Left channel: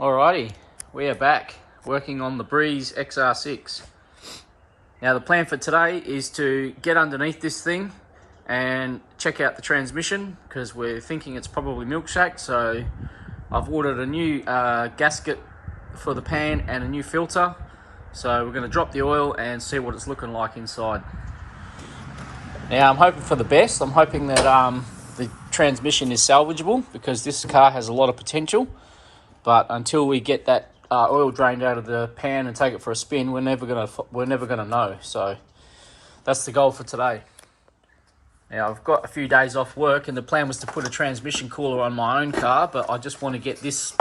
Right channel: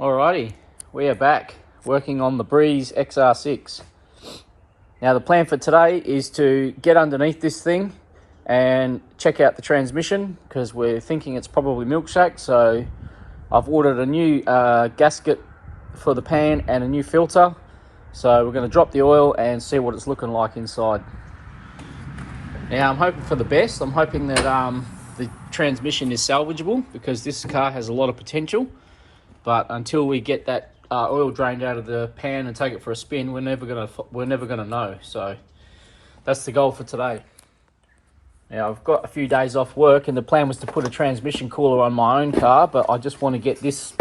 Alrighty, we are back working on the Breeze XR6. Now the plan for today is to get underneath this thing and check out the transmission, because we're thinking it's probably Milkshake. So I've ordered a new gasket for the pan and a new filter. So we're going to drop the oil and see what it's looking like inside. Now I'm hoping for the best. I'm hoping that the transmission is salvageable, because this car has a lot of potential. But until we get that oil drained out of the pan and take it for a spin, we're never gonna know. So that's the goal for today. Now I've got a few days off work, and the plan was to put a transmission cooler on my own car, but I just want to get this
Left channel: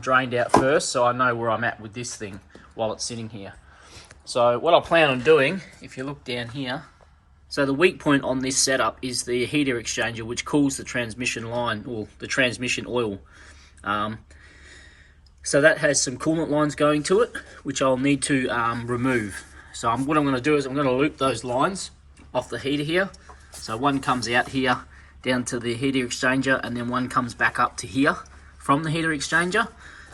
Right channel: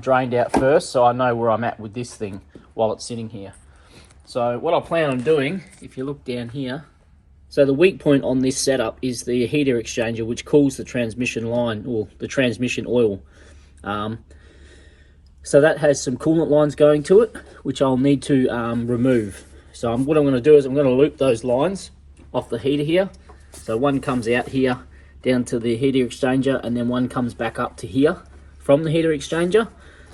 drained out first, so I know where I'm at with this thing while it's sitting here. So what I plan on doing, if you look down here, so the weak point on this setup is the heater exchanger, which cools the transmission line, or the transmission oil. So that has some coolant lines going to it, which I'll need to remove. So what I'm going to do is I'm going to loop those lines off the heater here. So one comes out here down to the heater exchanger, and then one comes back up to here from the heater exchanger.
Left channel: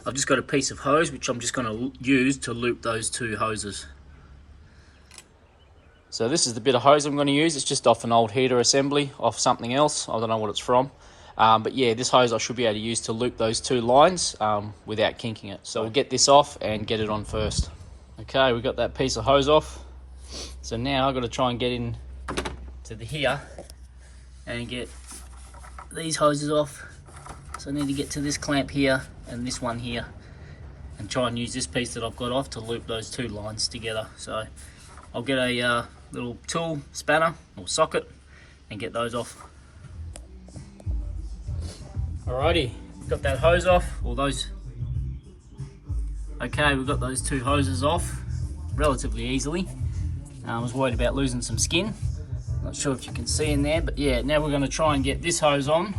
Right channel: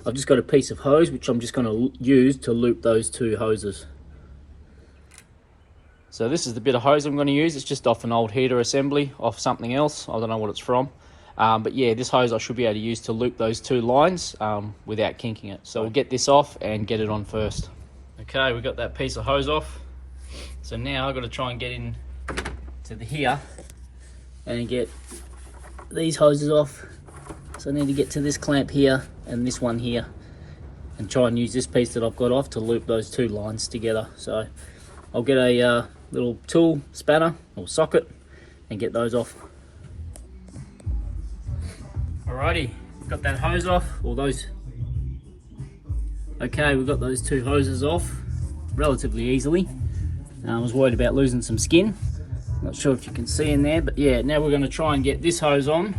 I've just got a piece of hose which I'm just going to use to loop those two hoses. So this is the bit of hose I'm going to use. It's just off an old heater assembly, off something else. I don't know what it's from. But yeah, this hose I should be able to use to loop those two lines without kinking it. So we'll get this off and get it on first. Okay, we've got that piece of hose off. So now I've got to try and get in to the here and get these hoses off. So I need to get to this clamp here and this one here, and try and use this piece that I've got off to loop those two lines together. So I'll get a little tool spanner or socket and get those off. Alrighty, got that hose off, or those. Okay, we've got those two hoses off relatively easily. I was worried about losing some skin. Not sure if you can see in there, but yeah, now we're going to try and get this hose on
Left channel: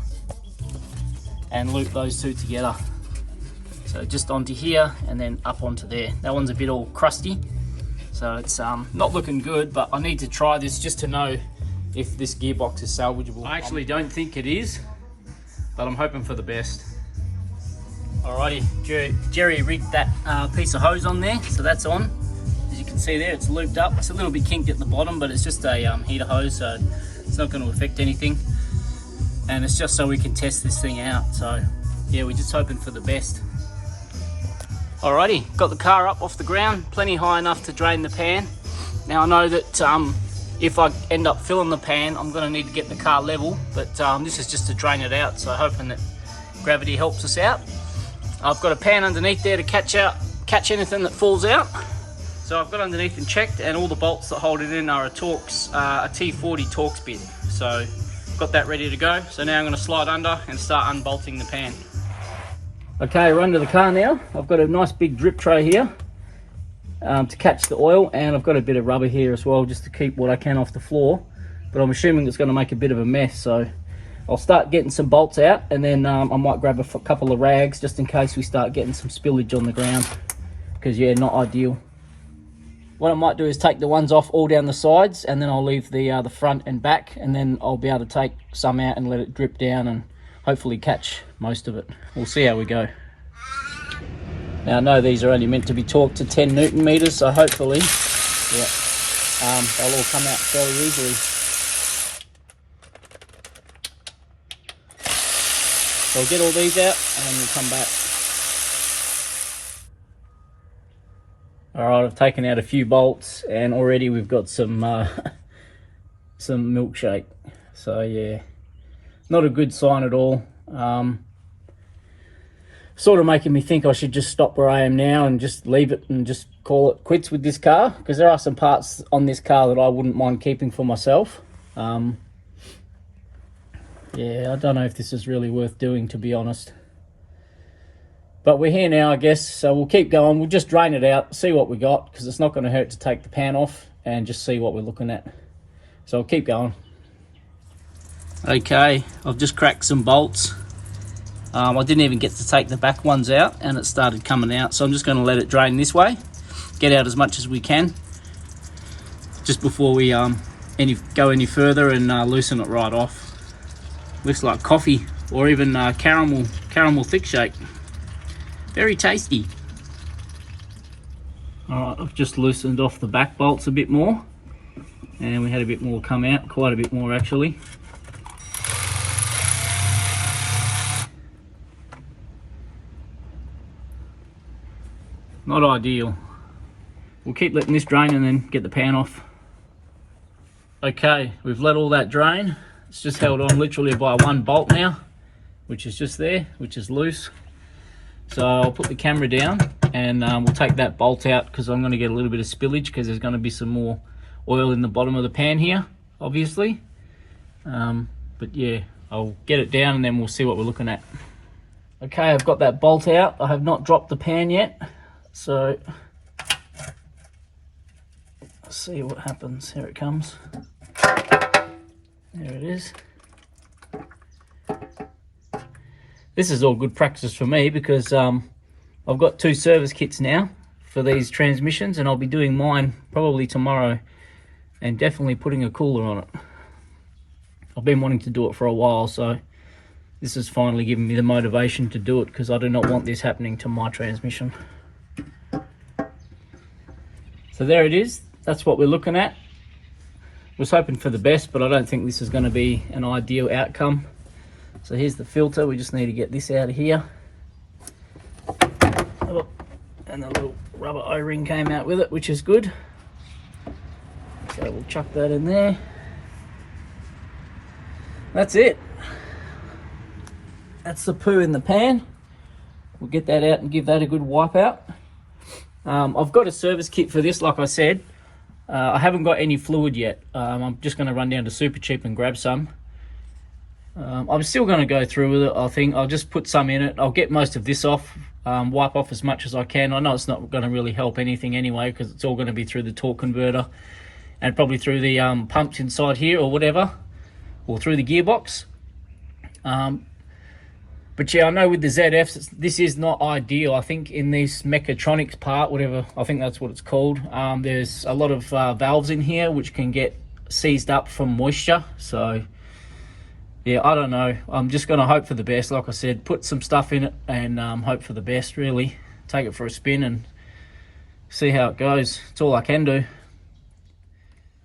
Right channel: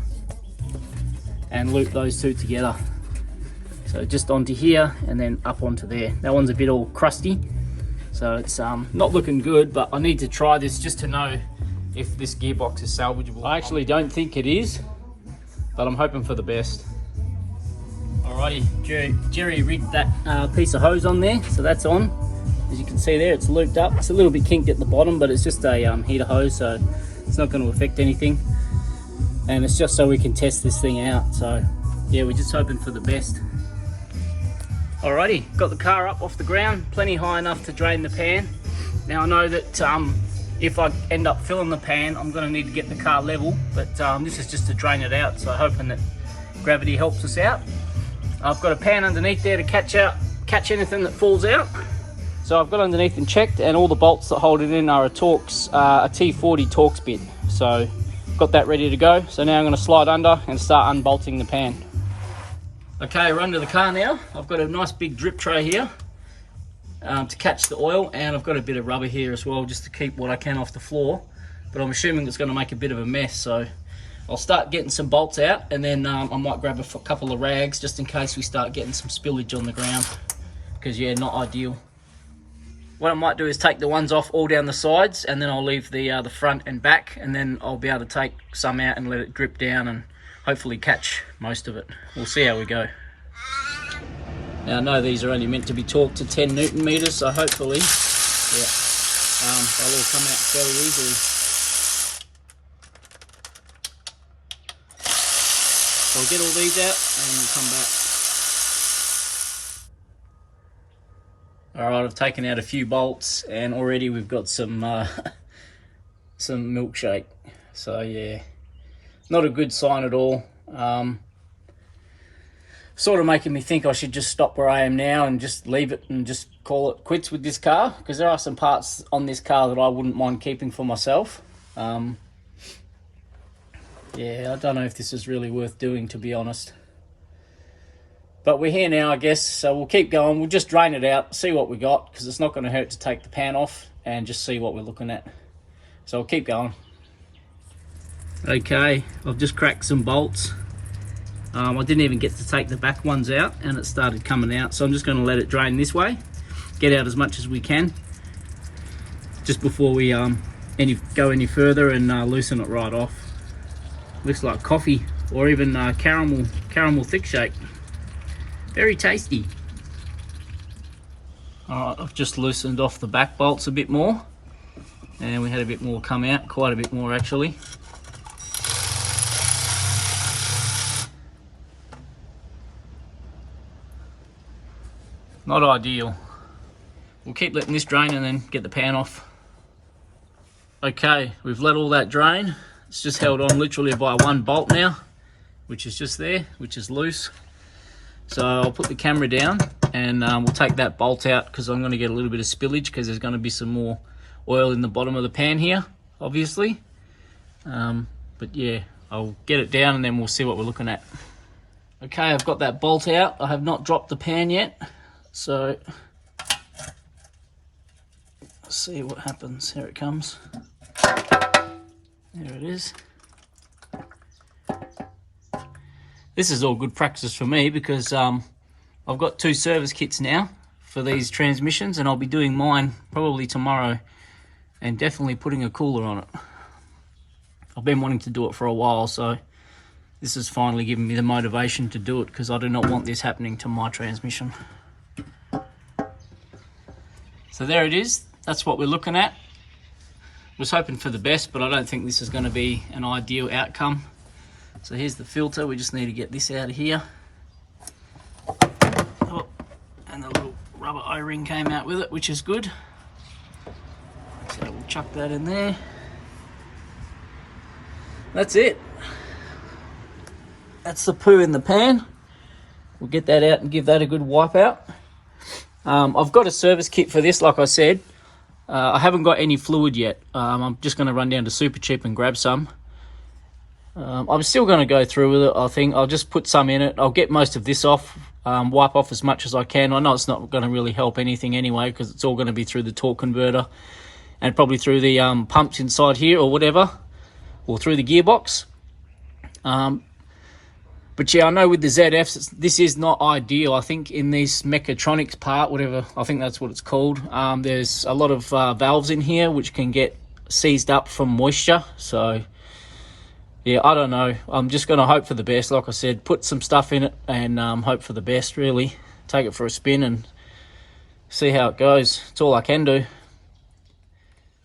and loop those two together. So just onto here and then up onto there. That one's a bit all crusty, so it's not looking good, but I need to try this just to know if this gearbox is salvageable. I actually don't think it is, but I'm hoping for the best. Alrighty, Jerry rigged that piece of hose on there, so that's on. As you can see there, it's looped up. It's a little bit kinked at the bottom, but it's just a heater hose, so it's not going to affect anything. And it's just so we can test this thing out. So yeah, we're just hoping for the best. Alrighty, got the car up off the ground, plenty high enough to drain the pan. Now I know that if I end up filling the pan, I'm going to need to get the car level, but this is just to drain it out, so hoping that gravity helps us out. I've got a pan underneath there to catch anything that falls out. So I've got underneath and checked, and all the bolts that hold it in are a T40 Torx bit. So got that ready to go. So now I'm going to slide under and start unbolting the pan. Okay, we're under the car now. I've got a nice big drip tray here to catch the oil, and I've got a bit of rubber here as well, just to keep what I can off the floor. But I'm assuming it's going to make a bit of a mess, so I'll start getting some bolts out, and then I might grab a couple of rags just in case we start getting some spillage on the ground, because yeah, not ideal. What I might do is take the ones off all down the sides, and then I'll leave the front and back, and then I'll be able to take some out and let it drip down and hopefully catch most of it. We'll see how we go. Now I know these are only meant to be torqued to 10 Newton meters, so hopefully they'll all come out fairly easily. So I'll get all these out and we'll come back. Alright, I've taken out a few bolts, and already we've got some milkshake. So yeah, not a good sign at all. Sort of making me think I should just stop where I am now and just leave it and just call it quits with this car, because there are some parts on this car that I wouldn't mind keeping for myself. Yeah, I don't know if this is really worth doing, to be honest. But we're here now, I guess, so we'll keep going. We'll just drain it out, see what we got, because it's not going to hurt to take the pan off and just see what we're looking at. So we'll keep going. Okay, I've just cracked some bolts. I didn't even get to take the back ones out, and it started coming out. So I'm just going to let it drain this way, get out as much as we can, just before we go any further and loosen it right off. Looks like coffee, or even caramel thick shake. Very tasty. Alright, I've just loosened off the back bolts a bit more, and we had a bit more come out, quite a bit more actually. Not ideal. We'll keep letting this drain and then get the pan off. Okay, we've let all that drain. It's just held on literally by one bolt now, which is just there, which is loose. So I'll put the camera down and we'll take that bolt out because I'm going to get a little bit of spillage because there's going to be some more oil in the bottom of the pan here, obviously. But yeah, I'll get it down and then we'll see what we're looking at. Okay, I've got that bolt out. I have not dropped the pan yet. So let's see what happens. Here it comes. There it is. This is all good practice for me because I've got 2 service kits now for these transmissions, and I'll be doing mine probably tomorrow and definitely putting a cooler on it. I've been wanting to do it for a while, so this has finally given me the motivation to do it because I do not want this happening to my transmission. So there it is. That's what we're looking at. Was hoping for the best, but I don't think this is going to be an ideal outcome. So here's the filter. We just need to get this out of here. Oh, and the little rubber O-ring came out with it, which is good. So we'll chuck that in there. That's it. That's the poo in the pan. We'll get that out and give that a good wipe out. I've got a service kit for this, like I said. I haven't got any fluid yet. I'm just going to run down to Super Cheap and grab some. I'm still going to go through with it, I think. I'll just put some in it. I'll get most of this off, wipe off as much as I can. I know it's not going to really help anything anyway because it's all going to be through the torque converter and probably through the pumps inside here or whatever, or through the gearbox. But yeah, I know with the ZFs, this is not ideal. I think in this mechatronics part, whatever, I think that's what it's called, there's a lot of valves in here which can get seized up from moisture. So yeah, I don't know. I'm just going to hope for the best. Like I said, put some stuff in it and hope for the best, really. Take it for a spin and see how it goes. It's all I can do.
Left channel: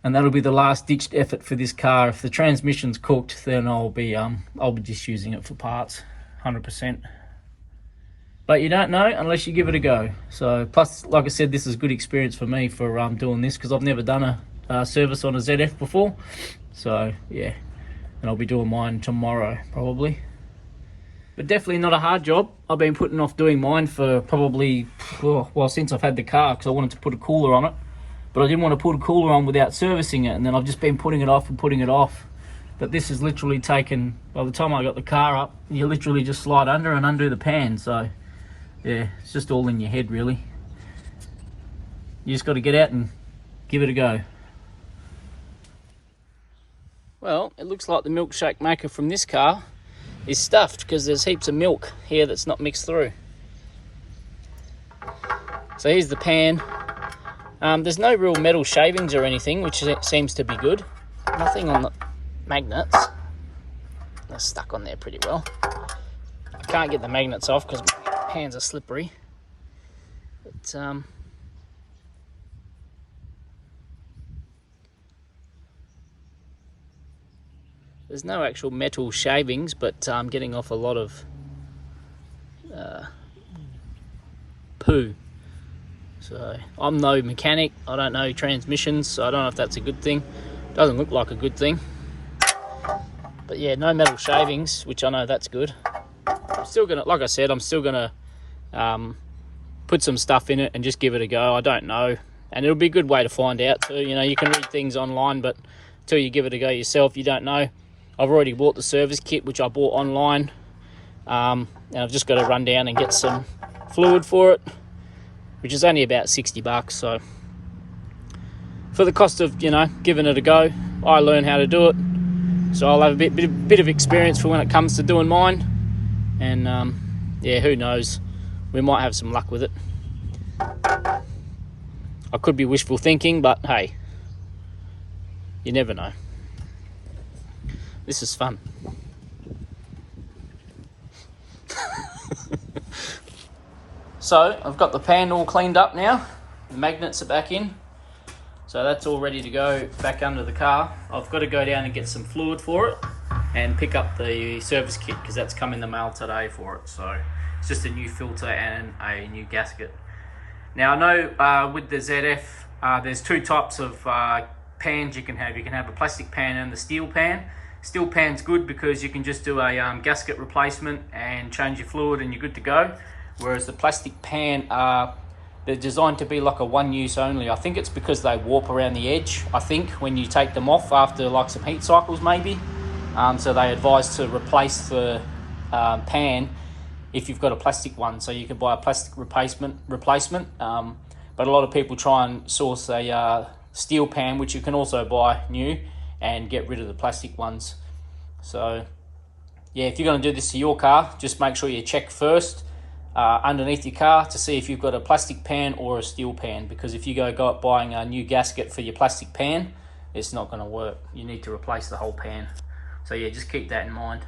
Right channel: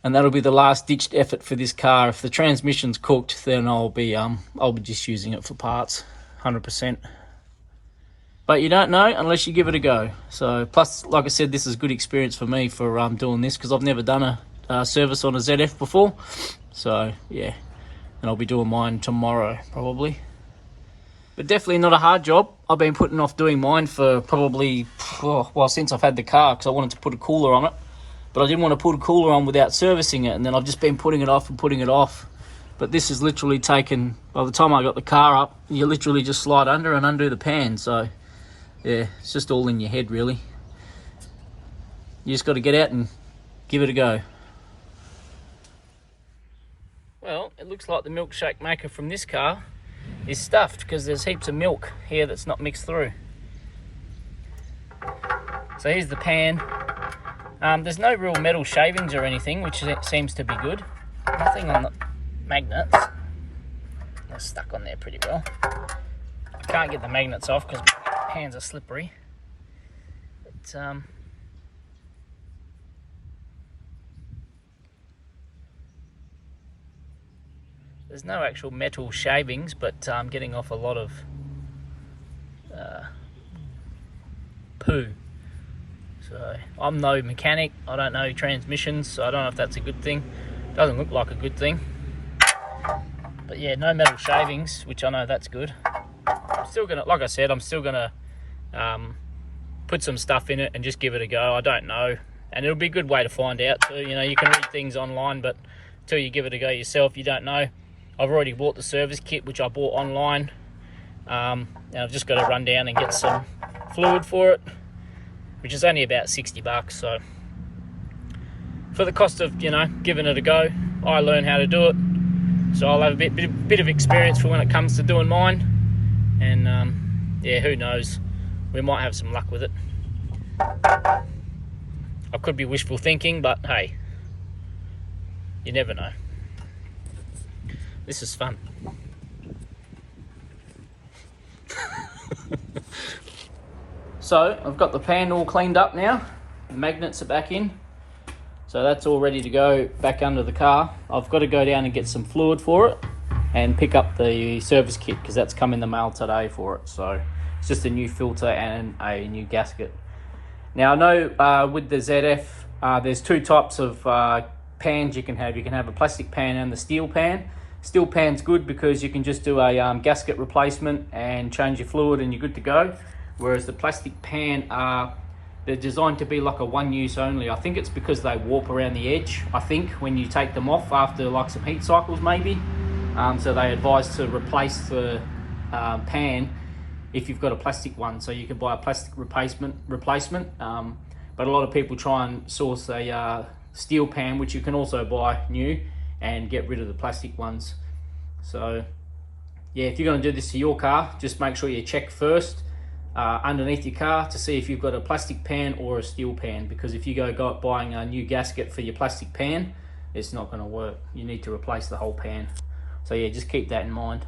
And that'll be the last ditched effort for this car. If the transmission's cooked, then I'll be just using it for parts, 100%. But you don't know unless you give it a go. So plus, like I said, this is good experience for me for doing this because I've never done a service on a ZF before. So yeah. And I'll be doing mine tomorrow, probably. But definitely not a hard job. I've been putting off doing mine for probably, well, since I've had the car, because I wanted to put a cooler on it. But I didn't want to put a cooler on without servicing it, and then I've just been putting it off and putting it off. But this has literally taken, by the time I got the car up, you literally just slide under and undo the pan. So, yeah, it's just all in your head, really. You just got to get out and give it a go. Well, it looks like the milkshake maker from this car is stuffed because there's heaps of milk here that's not mixed through. So here's the pan. There's no real metal shavings or anything, which seems to be good. Nothing on the magnets. They're stuck on there pretty well. I can't get the magnets off because my hands are slippery. But there's no actual metal shavings, but I'm getting off a lot of poo. So I'm no mechanic, I don't know transmissions, so I don't know if that's a good thing. Doesn't look like a good thing. But yeah, no metal shavings, which I know that's good. I'm still gonna, like I said, I'm still gonna put some stuff in it and just give it a go. I don't know, and it'll be a good way to find out too. You know, you can read things online, but until you give it a go yourself, you don't know. I've already bought the service kit, which I bought online, and I've just got to run down and get some fluid for it, which is only about 60 bucks. So for the cost of, you know, giving it a go, I learn how to do it. So I'll have a bit of experience for when it comes to doing mine. And yeah, who knows, we might have some luck with it. I could be wishful thinking, but hey, you never know. This is fun. So I've got the pan all cleaned up now. The magnets are back in. So that's all ready to go back under the car. I've got to go down and get some fluid for it and pick up the service kit because that's come in the mail today for it. So it's just a new filter and a new gasket. Now I know with the ZF, there's two types of pans you can have. You can have a plastic pan and the steel pan. Steel pan's good because you can just do a gasket replacement and change your fluid and you're good to go. Whereas the plastic pan, they're designed to be like a one use only. I think it's because they warp around the edge, I think, when you take them off after like some heat cycles maybe. So they advise to replace the pan if you've got a plastic one. So you can buy a plastic replacement. But a lot of people try and source a steel pan, which you can also buy new, and get rid of the plastic ones. So yeah, if you're going to do this to your car, just make sure you check first underneath your car to see if you've got a plastic pan or a steel pan, because if you go buying a new gasket for your plastic pan, it's not going to work. You need to replace the whole pan. So yeah, just keep that in mind.